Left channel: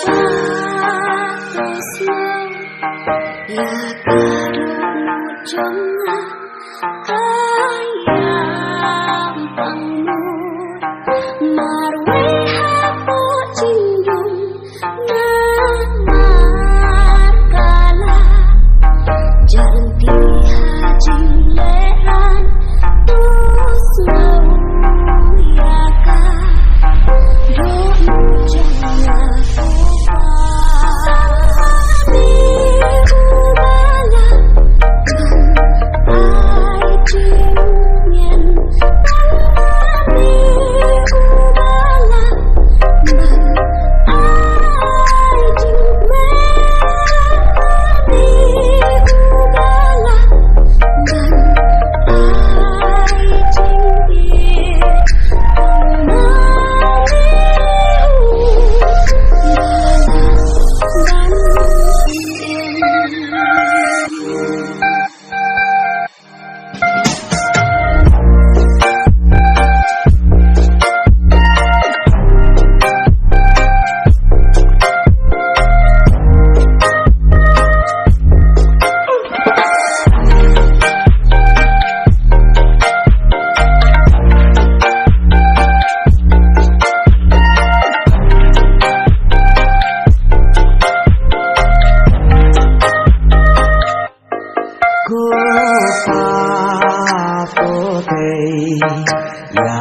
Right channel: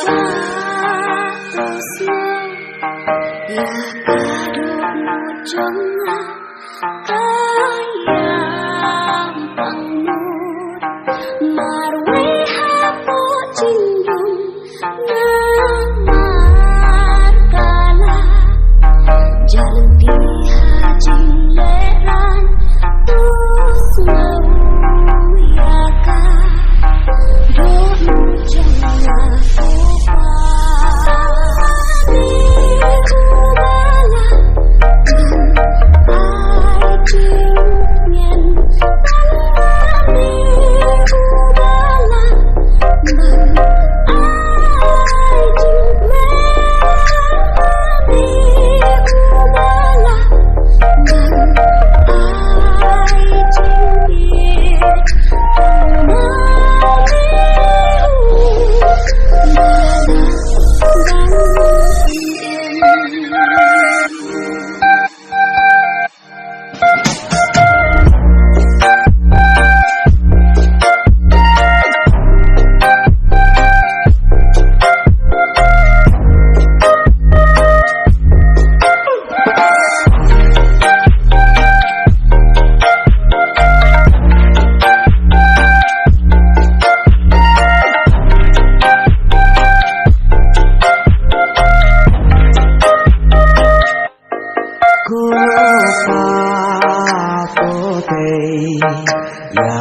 Tresno ya kadung jengah ayam pangnur marwe hapo cindung namar kala janti hajing leran tusno ya ka do jengah ya